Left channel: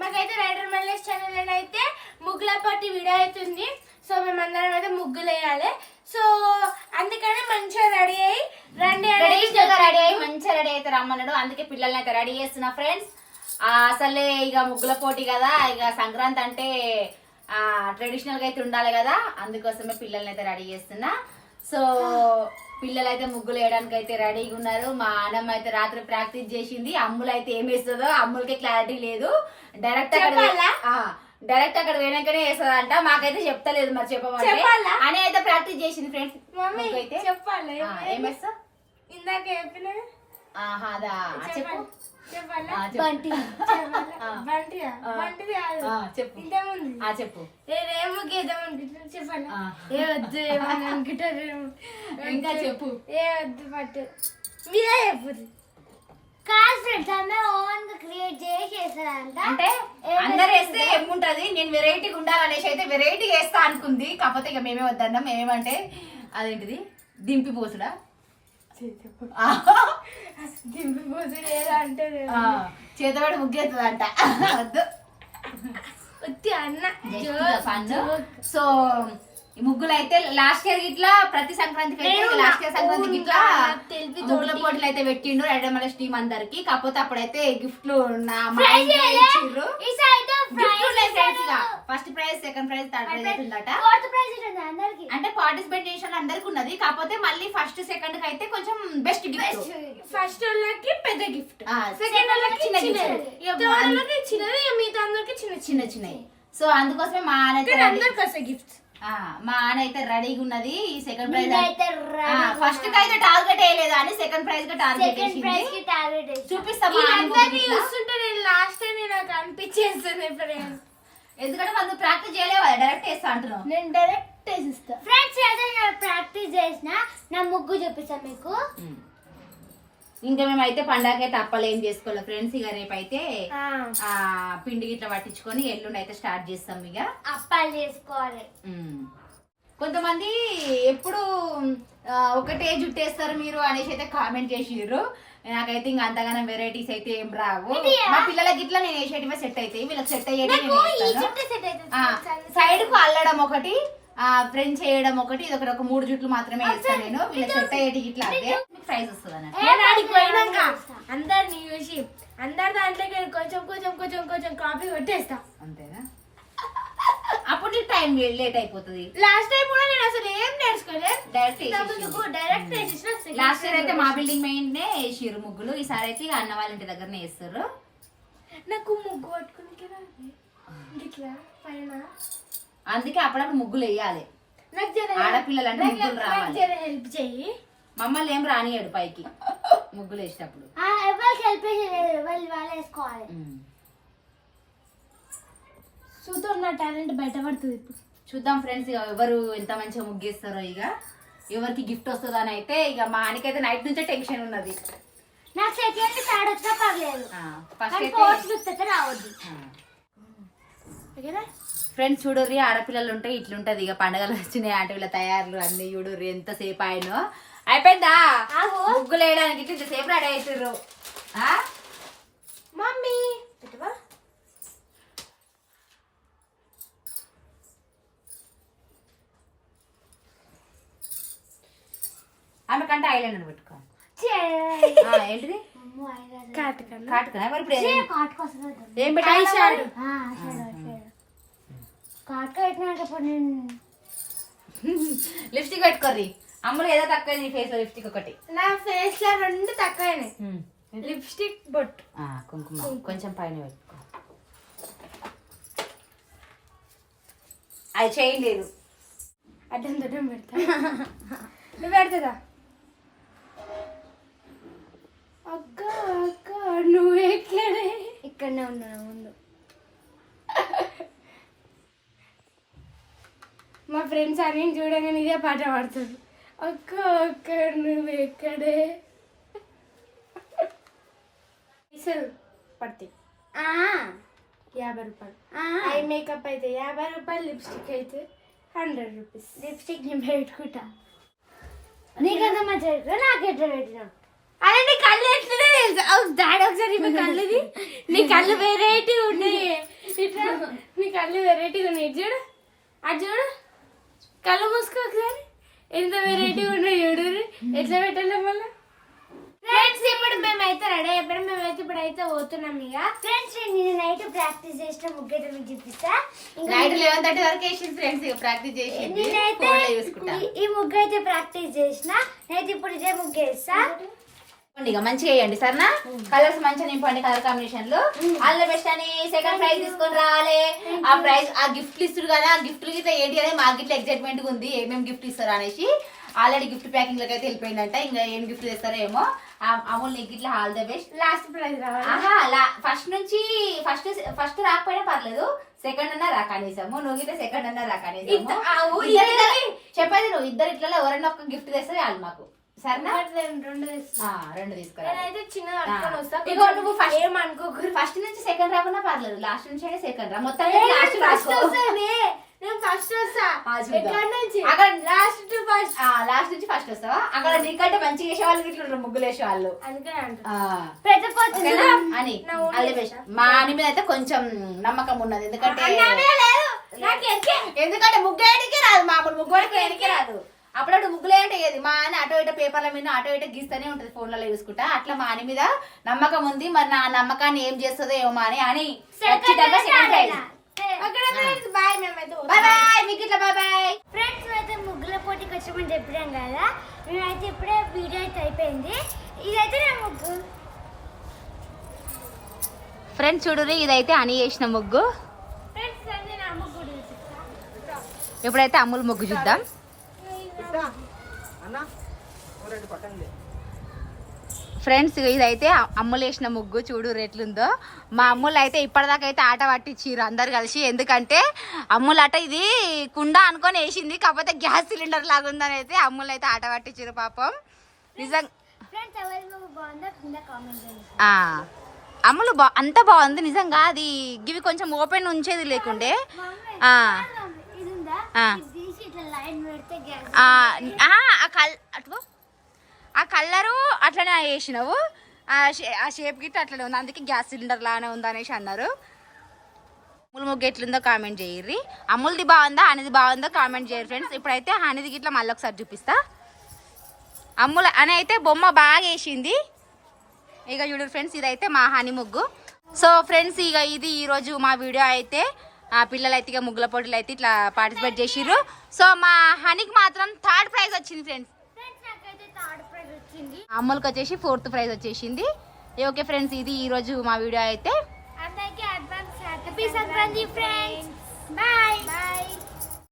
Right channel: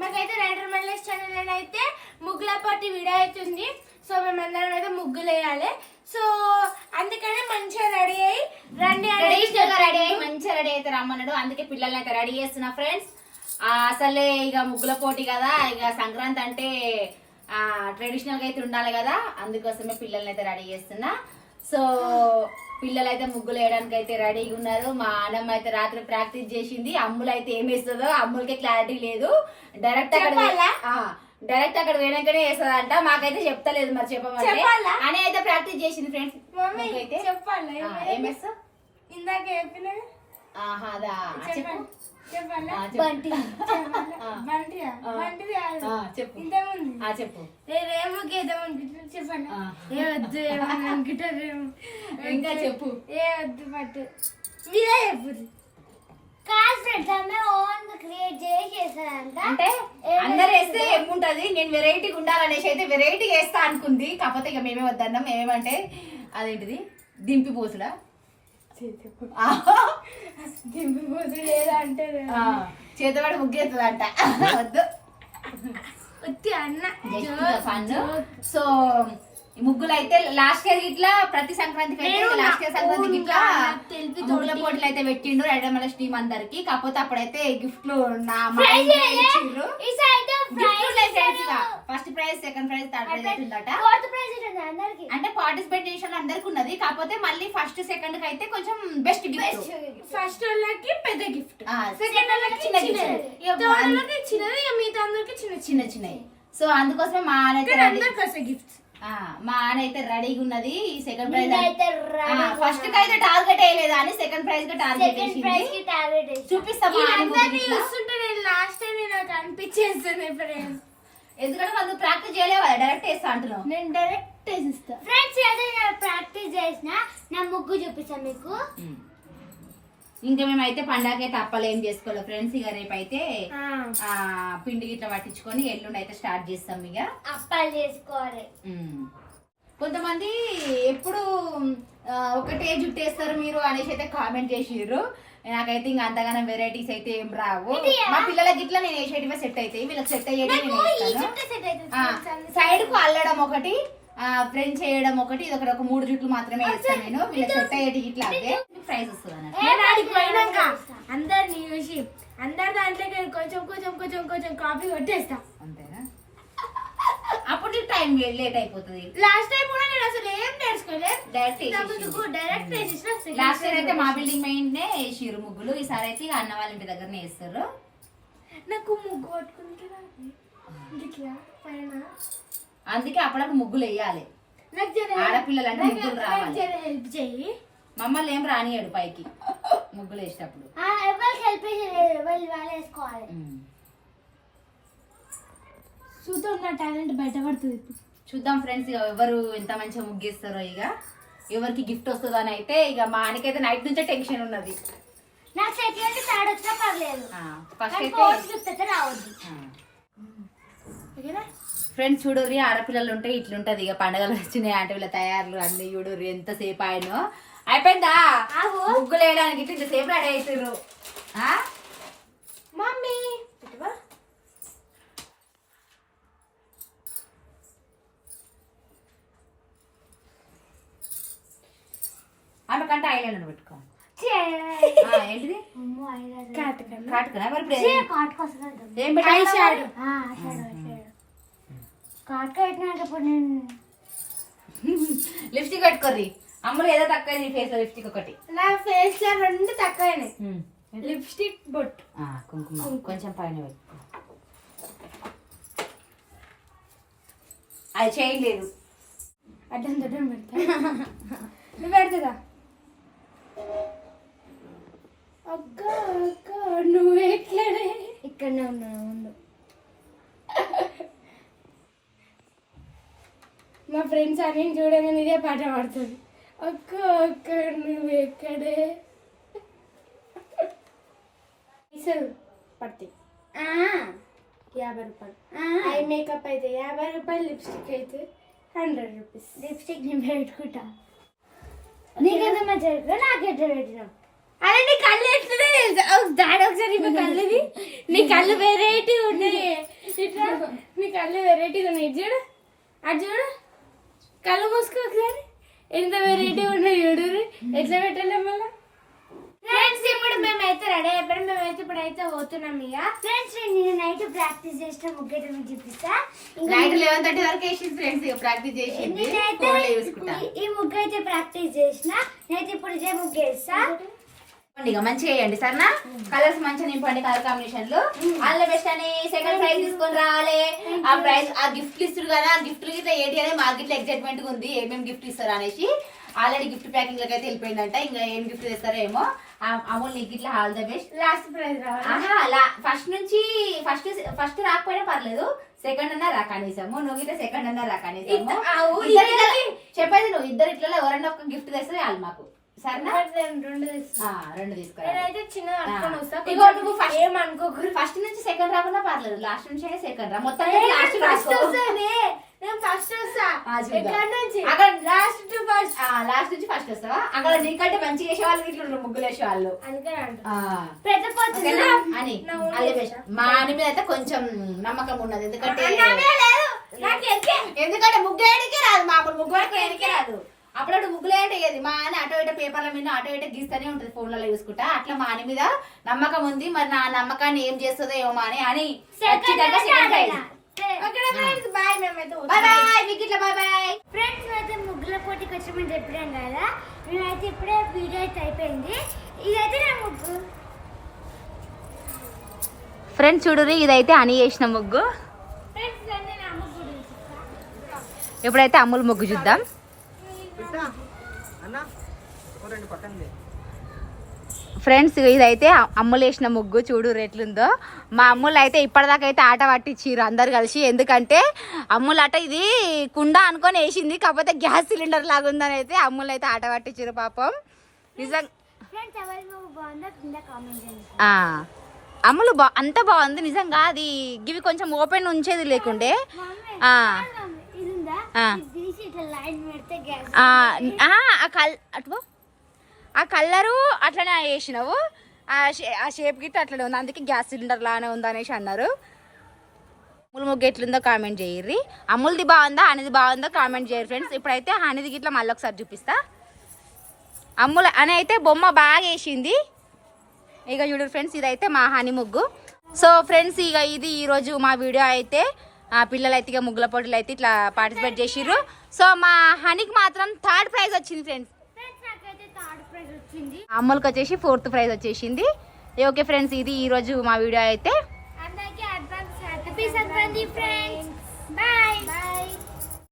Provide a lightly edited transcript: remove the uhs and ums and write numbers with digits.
మాకైతే rider Mallesh channel అయితే ముగ్గుల పాటి వీడియో అవుతుంది. సో మేమందరం అయితే ముగ్గులు వేయాలి. సో అందుకని మంచిగా రెడీ అయ్యి రండి మంచిగా రెడీ అయితే రమ్మన్నాడు. అందుకే పిల్లల్ని అయితే రెడీ చేస్తున్నా ఫ్రెండ్స్. అసలే ఇక ముగ్గుల పోటీ కదా, ఇక సంక్రాంతి అంటే ట్రెడిషనల్ గా అయితే ఉండాలి కదా, అందుకోసమే పిల్లల్ని అయితే రెడీ చేస్తున్నా. సో పిల్లలు అయితే ముగ్గులు వేయడానికి అయితే రెడీగా ఉన్నారు. మా అన్నమ్మ అయితే రాత్రి ప్రాక్టీస్ చేసింది. అమ్ములు అయితే ఏం వేస్తుందో అమ్ములకే క్లారిటీ లేదు. డైరెక్ట్ అక్కడ వేయడానికనే వేస్తుందంట. మాకైతే చెప్తలేదు, మరి చెప్పమంటే అని అయితే ప్రాక్టీస్ చేసింది ఫ్రెండ్స్. అయితే చెప్పాలి ఏం వేస్తా ఇందాక చెప్పిన అదా చెప్పు చెప్పు ఇంకా చెప్పు పట్టు అంటే అందరు వేస్తే ఏముంటది, నేను వెరైటీగా ఉండాలనేసి అయితే వెరైటీగా వేస్తా అనుకుంది. కాకపోతే ఇక మేమే వద్దన్నాం. మేమేమంటే అదేంటిది దింపి పోసుడా దింపిపోతు లేదా అంటే చేతబడి ముగ్గేస్తుందంట. వద్దు అన్న. సో ముగ్గులు అయితే లాస్ట్ ఇయర్ ఇట్లా ప్రతి సంక్రాంతికి లాస్ట్ ఇయర్ సంక్రాంతికి ఇట్లా ముగ్గుల పోటీలు అయితే పెట్టిండు రైడర్ మల్లేష్ టీం అందరికి. కాకపోతే అప్పుడైతే గిఫ్ట్లు ఇచ్చిండ్రు. First prize, second prize, third prize అవుతుందట. అంటే పార్టిసిపేషన్ అందరికి ఉన్నది. కాకపోతే మళ్ళీ ఫస్ట్ సెకండ్ కి అయితే కొంచెం బెస్ట్ గిఫ్ట్. ఫస్ట్ వాళ్ళకి పెద్ద గిఫ్ట్, సెకండ్ వాళ్ళకి చిన్న గిఫ్ట్, చిన్నది, మిగతా అందరికి చిన్న చిన్నవి. సో అందుకోసమే మా గిఫ్ట్ మా ఆన అయితే రెడీగా ఉన్నది. సెకండ్ ప్రైజ్ ఫస్ట్ కి అయితే టార్గెట్ వేయలేదు అని సెకండ్ ప్రైజ్ కి టార్గెట్ వేసింది. చూపిస్తాం చూస్తుంటే నేను లాస్ట్ టైం నాకు అనిపించేస్తుంది ఫ్రెండ్స్. ఎందుకంటే వాళ్ళు ప్రాక్టీస్ చేయలేవా, డైరెక్ట్ వేస్తా అంటున్నావు. నేను డైరెక్ట్ వేసిస్తా ఫ్రెండ్స్. అదే నేను ప్రాక్టీస్ చేసిన నా ముగ్గు చూపిస్తాను మీకు. ఇంకా మేమైతే పండగైతే అప్పలు ఏం చేసుకోవాలి ఫ్రెండ్స్. ఇక రేపు అయితే పిండి గిట్లా పట్టించుకొని ఎల్లుండి అయితే స్టార్ట్ చేస్తాం. ఇక అప్పాలు చేసుకోవాలి. కొంతమంది ఎప్పుడు ఒకటే జుట్టేస్తారు మీరు అనేసి అయితే కామెంట్ చేసిర్రు. నాకైతే ఇంకా అంతగానో వెరైటీస్ అయితే ఏం రావు. మా పిల్లలకి ఇట్లా నేను వేసేటివే సెట్ అవుతాయి, వీళ్ళకి సెట్ అయ్యేది సైడ్ కు అల్లడం ఒకటి, ఫ్రెంచ్ చేయడం ఒకటి, ఇది ఒక 3 జుట్లు మాత్రమే వేస్తాను నేను. వీళ్ళకి సెట్ అయ్యేటి ఇట్లా అంటే ప్రైజ్ వస్తుంది అన్నట్టు. అందరిని చూసి అందరి దాంట్లో కొంచెం కొంచెం కొంచెం కొంచెం కాపీ కొట్టేస్తా. అంతేనా? అప్పుడు టైం లేట్ అయిపోతుంది. లాస్ట్ టైం కూడా నేను అసలు ఏం నేర్చుకోలేదు, డైరెక్ట్ లాస్ట్ ఇయర్ అయితే మా బిల్డింగ్ మెయిన్నే వేసిర్రు ముగ్గులు. ఈసారి అయితే అన్న వాళ్ళ ఇంటి దగ్గరనే వేస్తారు. నాకు ముగ్గు పట్టుకుని పైన, అందుకే అప్పుడప్పుడు ముగ్గులు వేయాలి. ఆడపిల్లలు అంటే ముగ్గులు రావాలి. హెల్ప్ చేయి. మమ్మల్ని ఏం రానియాడు పైకి ముగ్గులు వేసేటప్పుడు. ఎవరికి హెల్ప్ వాళ్ళు వేసుకోవాలి. చూద్దాం నా టాలెంట్ బయటపడుతుంది ఇప్పుడు. చూద్దాం ఫ్రెండ్స్, ఇక ఎవరు ఎంత మంచిగా ముగ్గేస్తారో, ఇక ఎవరికి గిఫ్ట్ వస్తుందో అని అయితే. ఇక మా ఆయనకైతే నైట్ నుంచే టెన్షన్ ఉన్నది. నాకు సెకండ్ థర్డ్ వచ్చినా పర్లేదు, ఫస్ట్ అయితే రావద్దు. ఫ్రెండ్స్ చూడుర్రి, ఆడపిల్లలు ఉంటే ఇట్లుంటది. ఇక పండుగలు వచ్చినాయి అంటే వీళ్ళ తయారులు అన్ని చూడుర్రి ఎంతసేపు ఆయన అయిపోయిందా ముగ్గులు వేయడానికి. ఇట్లా ఇంతసేపు రెడీ అవుతారు. మమ్మీ ఆమె కంటే ఐలాండర్ పెట్టుకో. ఏంటిది కాటుకనా? మరి ఇప్పుడు ఏం పెట్టాడు? లిప్స్టిక్ పెట్టుకోర్రి. అమ్ములు ఏదో తక్కువ ఫేస్ లో లిప్స్టిక్ ఒకటి, నా ఫేస్ లో 2 తక్కువనే. లిప్స్టిక్ బొట్టు కుంకుమ కొంచెం పైన పెట్టుకో. అది చేయలేదు, అడ్డం దడ్డం పెడతా. నువ్వు పెడతా అక్క అక్క. నువ్వు ఎట్లనే ఇక్కడనే ఉన్నా ముందు. మా ఫ్రెండ్స్ అని చూడగానే ఇదే పాట పాడుతుంది. అక్క అక్క నువ్వు ఎక్కడే. పడతాయి 50 రూపాయలు. ఐ మేకప్ అయితే 50 రూపాయలు, లిప్స్టిక్ అయితే 100 రూపీస్. లిప్స్టిక్ నేను పెట్టుకుంటా. నీకెంత మంచిగా నాకెట్లా పెట్టినా. అదే నీ కళ్ళు ఎట్లనే తెలుసా? దాడి ఒకసారి మీ కళ్ళుది, నీ కళ్ళు వెరైటీ ఉన్నాయి. ఇట్లా నీ కళ్ళు వెరైటీగా ఉన్నాయి చూడు అది చూడు కళ్ళు మూసుకోకసారి ఎంత వెరైటీగా ఉన్నాయి చూడు ఎట్లా పెట్టాలి మళ్ళీ ఫ్రెండ్స్ ఇప్పుడు మేమైతే రెడీ అయిపోయాం మేమైతే ఇప్పుడైతే పోతున్నాం ఇక ఫ్రెండ్స్ నేను నైట్ ప్రాక్టీస్ చేసిన ముగ్గేట మీకు చూపిస్తా నైట్ 11:30 వరకు వేసింది ఫ్రెండ్స్ ప్రాక్టీస్ చేసి నేనైతే ఈ ముగ్గు అయితే ప్రాక్టీస్ చేసిన నేనైతే ఇప్పుడు ఇదే ముగ్గు వేస్తా ఇక మంచిగా వేయండి సరేనా కలర్స్ మంచిగా నింపండి కలర్ కాంబినేషన్ లో అందులో బెస్ట్ అని సెకండ్ ప్రైజ్ తీసుకొని రావాలి ఆ ప్రైజ్ ఆ గిఫ్ట్లు ఇస్తారు కదా ఆ గిఫ్ట్లు గిట్లా ఏంటి అనేది మాకు గిట్లా ఎక్సైట్మెంట్ ఉంది ఏమేమి గిఫ్ట్ ఇస్తారు అనేసి ఆల్రెడీ గిఫ్ట్ ప్యాకింగ్ లకి అయితే వెళ్ళిపోయిందంట ఇంకా ఏం గిఫ్ట్ ఇస్తారో ఏమో అమూల్ నీకు ఇట్లా all the best last prize ఆహా అలా ఫస్ట్ రాకపోయినా పర్లేదు సెకండ్ అన్నా రా కనీసము నువ్వు ఇట్లా సెకండ్ అన్నా రా కనీసము చెప్పేది నువ్వు ఇద్దరు ఇట్లా ఎవరన్నా ఒక గిఫ్ట్ తెస్తే వాళ్ళు మాకు సరేనా రెండు తీసుకురా నేనైతే చిన్న అనుకొని వస్తా ఇగో నువ్వు ఫస్ట్ ఏమనుకోకూడదు ఫస్ట్ నుంచి సెకండ్ రాకున్నా పర్లేదు లాస్ట్ నుంచి సెకండ్ రా మొత్తం లాస్ట్ ఫస్ట్ వస్తానే నేను ఫస్ట్ వస్తా ఎక్కడ నుంచి అక్కడ లాస్ట్ టు ఫస్ట్ లాస్ట్ నుంచి ఫస్ట్ వస్తావా అక్కడ నీకంటే మంచిగా వేసే వాళ్ళు ఇట్లా ముగ్గులు వేసే వాళ్ళు అందుకని అంట ఓకేనా? అని అదే బెస్ట్ మా అని మీద అయితే కొంచెం నమ్మకం ఉన్నది ఎందుకంటే ఎందుకంటే ముగ్గు వేయడానికి రాదు మామూలు ముగ్గు వేయడానికి రాదు అప్పుడప్పుడు ముగ్గులే అంటే ఏది మా అని అటో ఇటో పేపర్ల మీద అటో ఇటో గీస్తూనే ఉంటది ఫోన్లలో చూసుకుంటా అట్లా మా అని మీద నమ్మకం ఉంది మరి నా నమ్మకాన్ని ఏం చేస్తుందో ఏమో అని ఖచ్చితంగా సెకండ్ ప్రైజ్ బాయ్ మేమైతే బాయ్ బాయ్ మీకు ఇట్లా బాయ్ బాయ్ ఫ్రెండ్స్ అయితే ముగ్గుల పోటీకి వచ్చామని చెప్పాం కదా మేమైతే ఇప్పుడే వీడియో అయితే అయిపోయింది ఇదైతే నా ముగ్గు ఫ్రెండ్స్ చూడుర్రి ఇదైతే అని చేసిన ముగ్గు ఫ్రెండ్స్ అంటే నా అమ్మ కూడా ఇప్పుడైతే అమ్ములు ముగ్గు చూద్దాం ఫ్రెండ్స్ ఇదైతే అమ్ములు వేసిన ముగ్గు చూడు ఎట్లుందో మా అమ్ములు అయితే ఇప్పటిదాకా అయితే ఆట పట్టించారు అందరు కలిసి ఎందుకంటే అమ్ములు ఆట ఇది కుండ అనుకొని వేసింది కాకపోతే గ్యాస్ సిలిండర్ లాగా ఉందని అయితే అమ్ములు అయితే ఆట పట్టించారు పాపం నిజంగా ఫ్రెండ్స్ ఎవరి ముగ్గు బాగుందో కింద కామెంట్ చేయండి అమ్ములు అంత బాగుంది నిజంగా అది ఇవి కొంచెం ఓపెన్ ఉంచేది లేకుండే ఇది ఉందా ఇది తీసి ఇట్లా లైన్ పెడితే గ్యాస్ ఆ కలరు అట్లనే వేసినావు ఆ షేప్ గిట్ట అట్లనే ఉంది అందుకే గ్యాస్ సిలిండర్ లానే ఉంది అనేసి అన్నారు అమ్ములు ముగ్గు ఎట్లుందో కామెంట్ చేయర్రి అమ్ములది బాగుందా అనేది బాగుందో కామెంట్ చేయరు ఫ్రెండ్స్ ఇప్పుడైతే హనీది గిట్ల మళ్ళీ ఒకసారి చూపిస్తా అమ్ముల అని అయితే బొమ్మ బాగా వేసింది ఇక చూడరు ఫ్రెండ్స్ ఇదైతే మా హనీ ముగ్గు సో ఫ్రెండ్స్ ఇక ఇది ఈరోజు మా వీడియో అయితే పిల్లలు అయితే ఇక ముగ్గుల పోటీలు అయితే ఇట్లా పార్టిసిపేట్ చేసిర్రు సో మా హనీకి మాత్రం 3rd ప్రైజ్ వచ్చింది ఫ్రెండ్స్ అమ్ములకి వచ్చేసి 4th ప్రైజ్ వచ్చేసింది ఓకే ఫ్రెండ్స్ ఇది ఈరోజు మా వీడియో అయితే అందరికీ advance happy Sankranti friends bye bye